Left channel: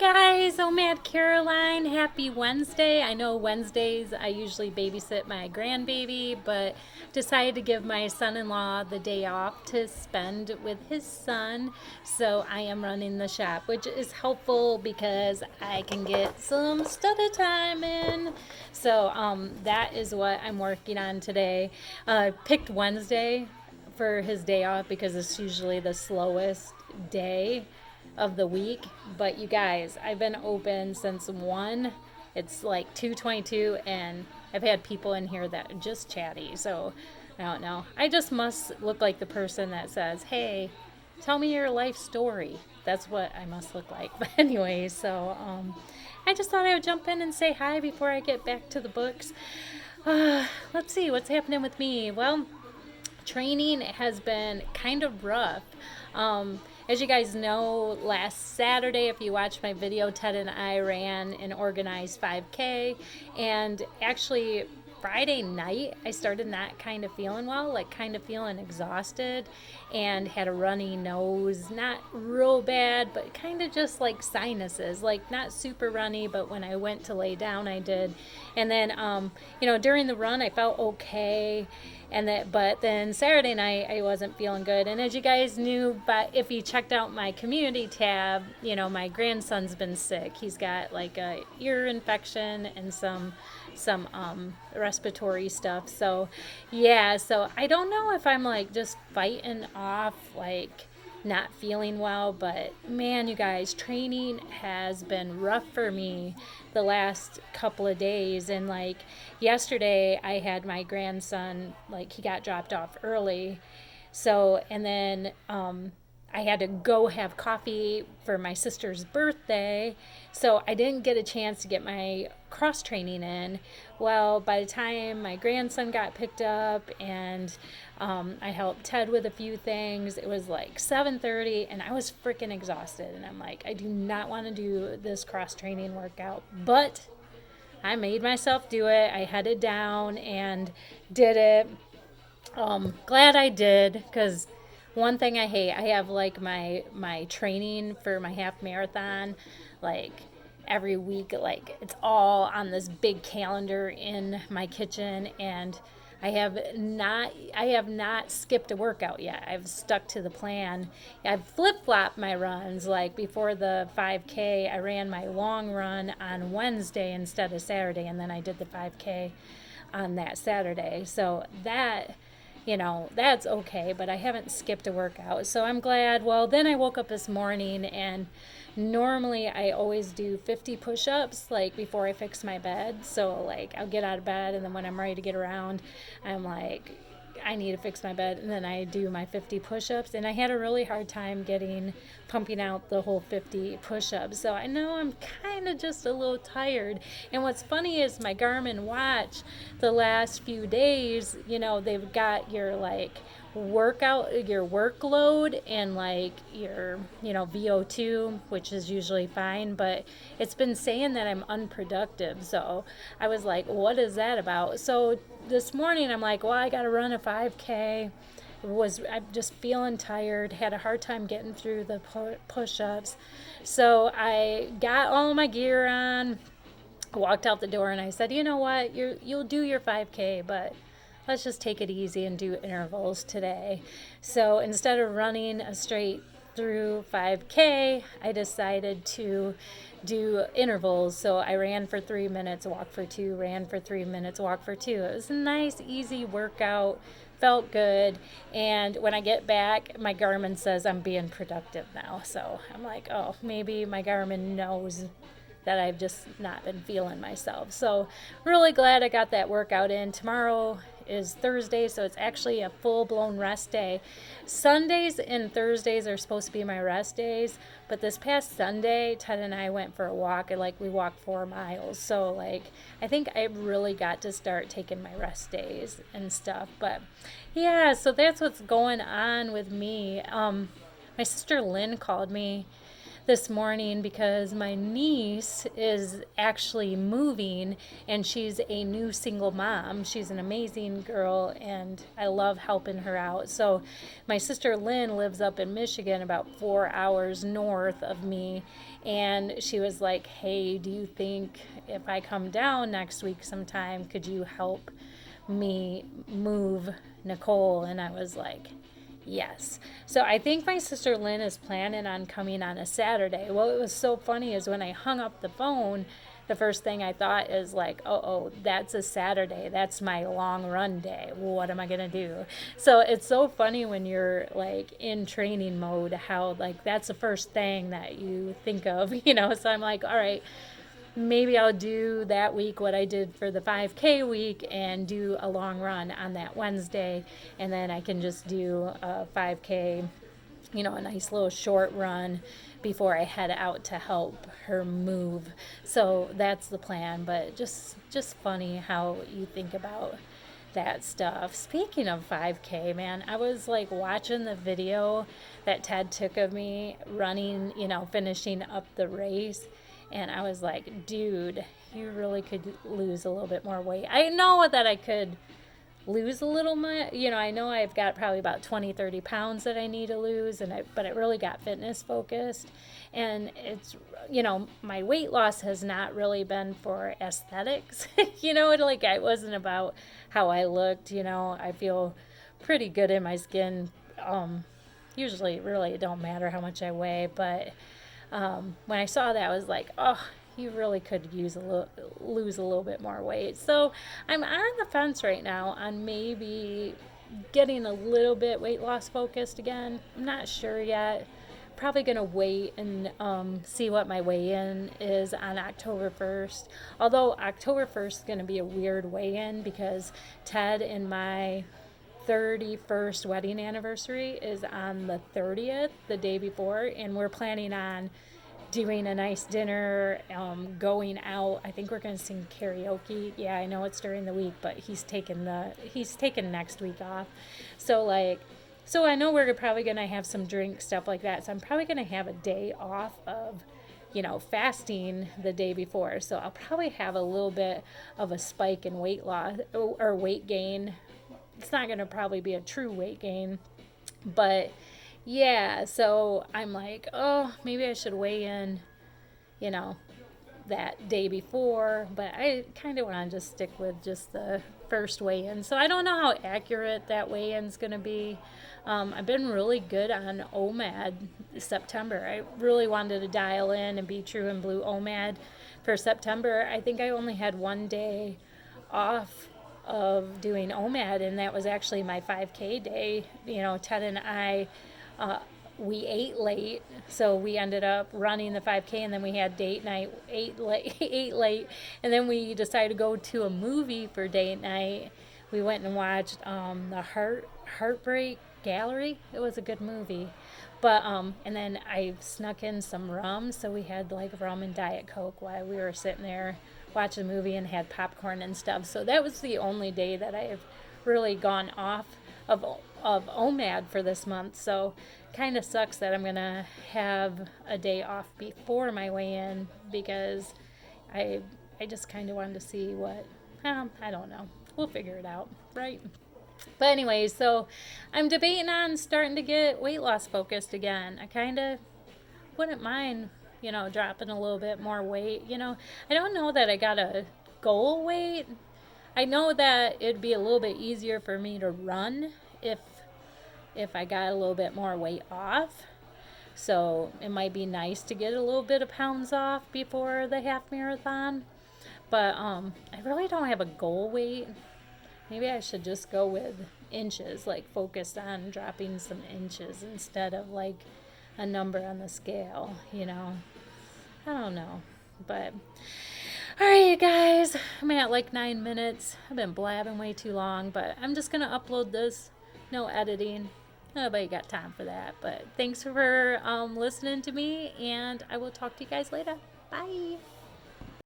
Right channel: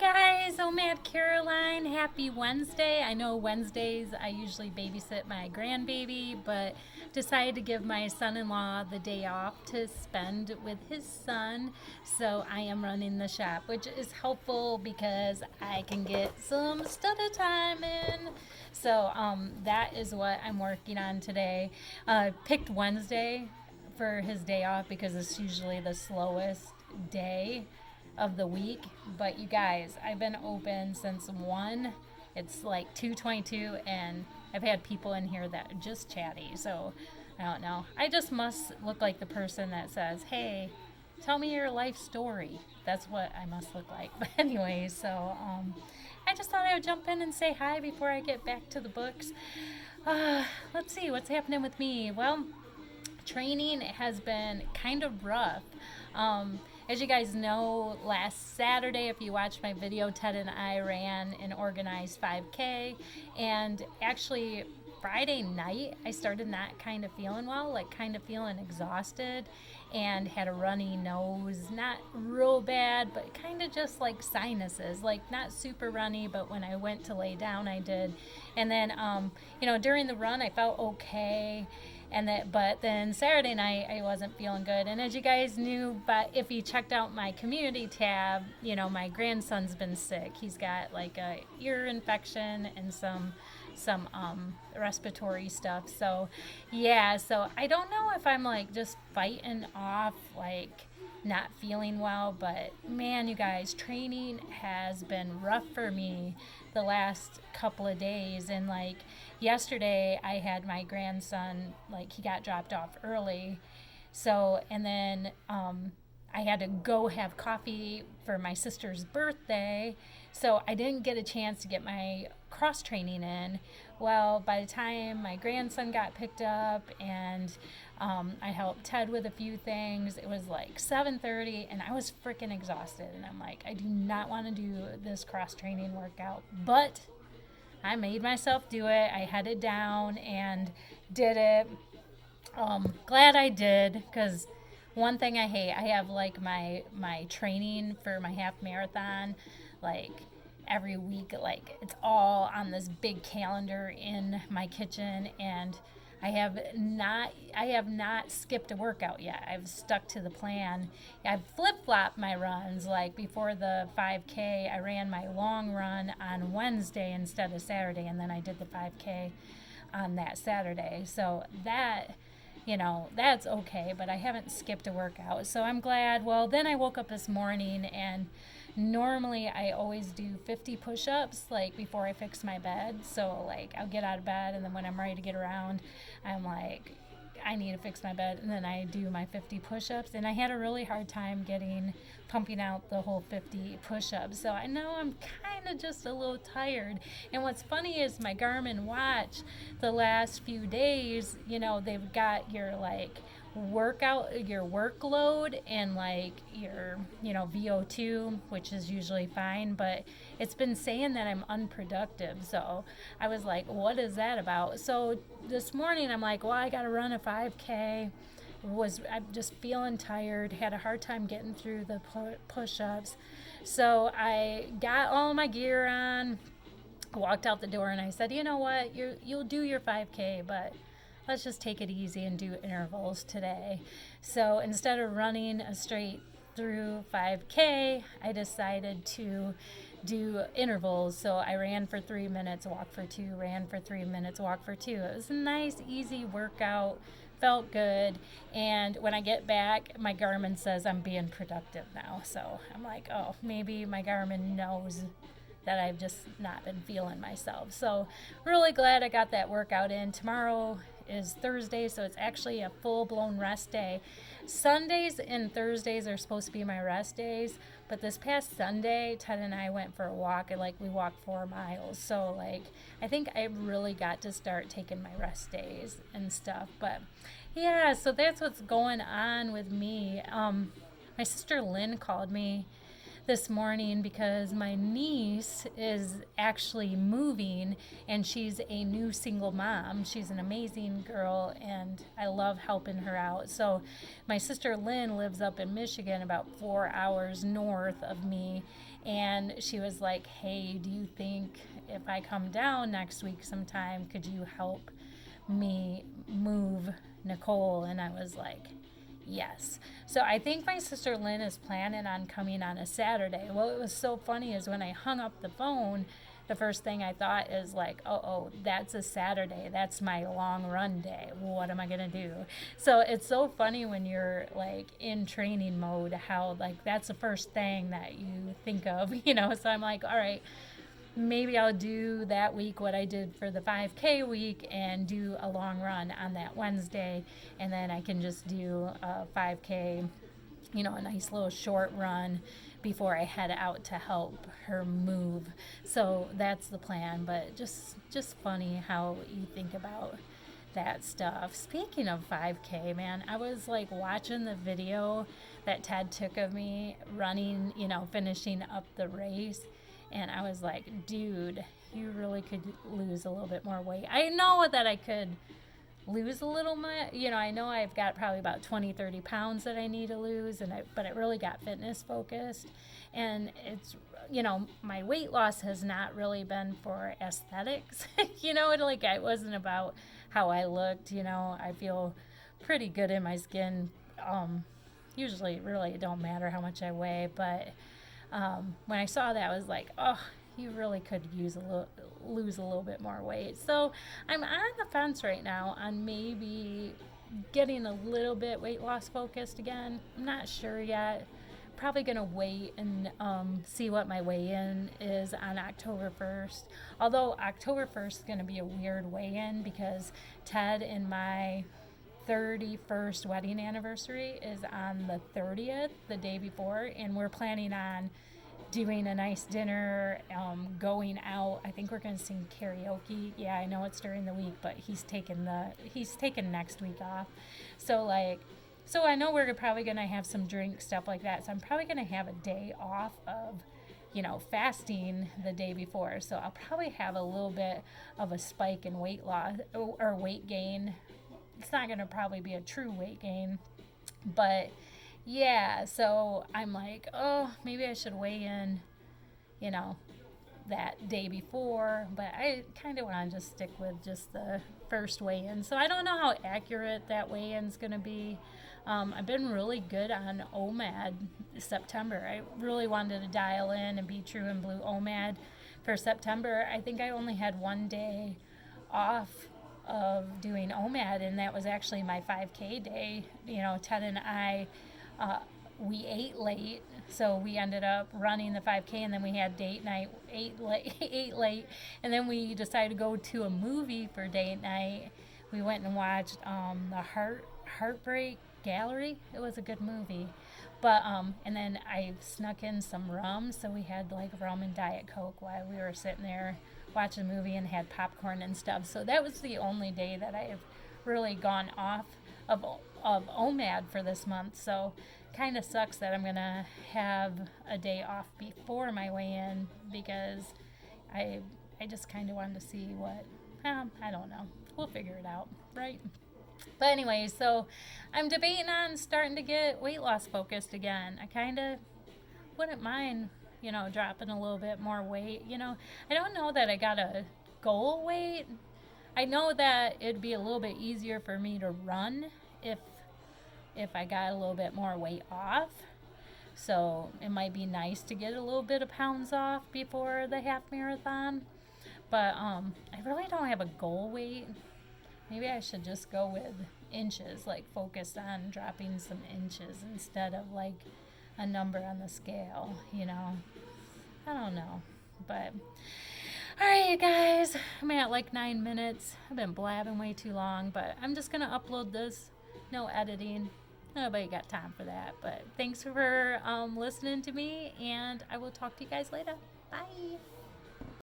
Guys, OMAD Caroline. Happy Wednesday. I know Wednesdays I usually babysit my grandbaby, but decided to give my son-in-law the day off to spend with his son. So I am running the shop, which is helpful because I can get some study time in. So that is what I'm working on today. Picked Wednesday for his day off because it's usually the slowest day of the week. But you guys, I've been open since 1. It's like 2:22 and I've had people in here that are just chatty. So I don't know. I just must look like the person that says, "Hey, tell me your life story." That's what I must look like. But anyway, I just thought I would jump in and say hi before I get back to the books. Let's see what's happening with me. Well, training has been kind of rough. As you guys know, last Saturday, if you watched my video, Ted and I ran an organized 5K. And actually, Friday night, I started not kind of feeling well, like kind of feeling exhausted and had a runny nose. Not real bad, but kind of just like sinuses, like not super runny, but when I went to lay down, I did. And then, during the run, I felt okay but then Saturday night I wasn't feeling good. And as you guys knew, but if you checked out my community tab, my grandson's been sick. He's got like a ear infection and some respiratory stuff. So yeah, so I don't know if I'm like just fighting off like not feeling well, but man, you guys, training has been rough for me the last couple of days. And like yesterday, I had my grandson, like, he got dropped off early. So, and then I had to go have coffee for my sister's birthday. So I didn't get a chance to get my cross training in. Well, by the time my grandson got picked up and I helped Ted with a few things, it was like 7:30 and I was freaking exhausted. And I'm like, I do not want to do this cross training workout. But I made myself do it. I headed down and did it. Glad I did because one thing I hate, I have like my training for my half marathon, like every week, like it's all on this big calendar in my kitchen, and I have not skipped a workout yet. I've stuck to the plan. I've flip-flopped my runs. Like before the 5K, I ran my long run on Wednesday instead of Saturday, and then I did the 5K on that Saturday. So that's okay, but I haven't skipped a workout. So I'm glad. Well, then I woke up this morning and normally I always do 50 push-ups like before I fix my bed. So like I'll get out of bed and then when I'm ready to get around, I'm like I need to fix my bed, and then I do my 50 push-ups, and I had a really hard time pumping out the whole 50 push-ups. So I know I'm kind of just a little tired. And what's funny is my Garmin watch the last few days, they've got your like your workload and like your VO2, which is usually fine, but it's been saying that I'm unproductive. So I was like, what is that about? So this morning I'm like, well, I got to run a 5K. I'm just feeling tired, had a hard time getting through the push-ups. So I got all my gear on, walked out the door, and I said, you know what, you'll do your 5K, but let's just take it easy and do intervals today. So instead of running a straight through 5K, I decided to do intervals. So I ran for 3 minutes, walked for 2, ran for 3 minutes, walked for 2. It was a nice, easy workout. Felt good. And when I get back, my Garmin says I'm being productive now. So I'm like, oh, maybe my Garmin knows that I've just not been feeling myself. So really glad I got that workout in. Tomorrow is Thursday, so it's actually a full-blown rest day. Sundays and Thursdays are supposed to be my rest days, but this past Sunday, Ted and I went for a walk, and like we walked 4 miles. So like I think I really got to start taking my rest days and stuff. But yeah, so that's what's going on with me. My sister Lynn called me this morning because my niece is actually moving and she's a new single mom. She's an amazing girl and I love helping her out. So my sister Lynn lives up in Michigan about 4 hours north of me, And she was like, hey, do you think if I come down next week sometime, could you help me move Nicole? And I was like, yes. So I think my sister Lynn is planning on coming on a Saturday. Well, it was so funny is when I hung up the phone, the first thing I thought is like, oh, that's a Saturday. That's my long run day. What am I going to do? So it's so funny when you're like in training mode, how like that's the first thing that you think of, you know? So I'm like, all right, maybe I'll do that week what I did for the 5K week and do a long run on that Wednesday. And then I can just do a 5K, you know, a nice little short run before I head out to help her move. So that's the plan, but just funny how you think about that stuff. Speaking of 5K, man, I was like watching the video that Ted took of me running, you know, finishing up the race, and I was like, dude, you really could lose a little bit more weight. I know that I could lose a little more, you know, I know I've got probably about 20-30 pounds that I need to lose, but it really got fitness focused. And it's, you know, my weight loss has not really been for aesthetics. You know, it wasn't about how I looked. You know, I feel pretty good in my skin. Usually really it don't matter how much I weigh, but when I saw that, I was like, oh, you really could lose a little bit more weight. So I'm on the fence right now on maybe getting a little bit weight loss focused again. I'm not sure yet. Probably gonna wait and see what my weigh-in is on October 1st. Although October 1st is gonna be a weird weigh-in because Ted and my 31st wedding anniversary is on the 30th, the day before, and we're planning on doing a nice dinner, going out. I think we're gonna sing karaoke. Yeah, I know it's during the week, but he's taking next week off. So I know we're probably gonna have some drink stuff like that. So I'm probably gonna have a day off of, you know, fasting the day before. So I'll probably have a little bit of a spike in weight loss or weight gain. It's not gonna probably be a true weight gain, but yeah, so I'm like, oh, maybe I should weigh in, you know, that day before, but I kind of want to just stick with just the first weigh-in. So I don't know how accurate that weigh-in's going to be. I've been really good on OMAD September. I really wanted to dial in and be true and blue OMAD for September. I think I only had one day off of doing OMAD, and that was actually my 5K day. You know, Ted and I, we ate late, so we ended up running the 5K, and then we had date night, ate late, and then we decided to go to a movie for date night. We went and watched the Heartbreak Gallery. It was a good movie. But and then I snuck in some rum, so we had like rum and Diet Coke while we were sitting there watching the movie and had popcorn and stuff. So that was the only day that I've really gone off of OMAD for this month. So kind of sucks that I'm gonna have a day off before my weigh-in because I just kind of wanted to see what I don't know. We'll figure it out, right? But anyway, so I'm debating on starting to get weight loss focused again. I kind of wouldn't mind, you know, dropping a little bit more weight. You know, I don't know that I got a goal weight. I know that it'd be a little bit easier for me to run if I got a little bit more weight off. So it might be nice to get a little bit of pounds off before the half marathon. But I really don't have a goal weight. Maybe I should just go with inches, like focus on dropping some inches instead of like a number on the scale, you know. I don't know. But all right, you guys, I'm at like 9 minutes. I've been blabbing way too long, but I'm just going to upload this. No editing. Nobody got time for that. But thanks for listening to me, and I will talk to you guys later. Bye.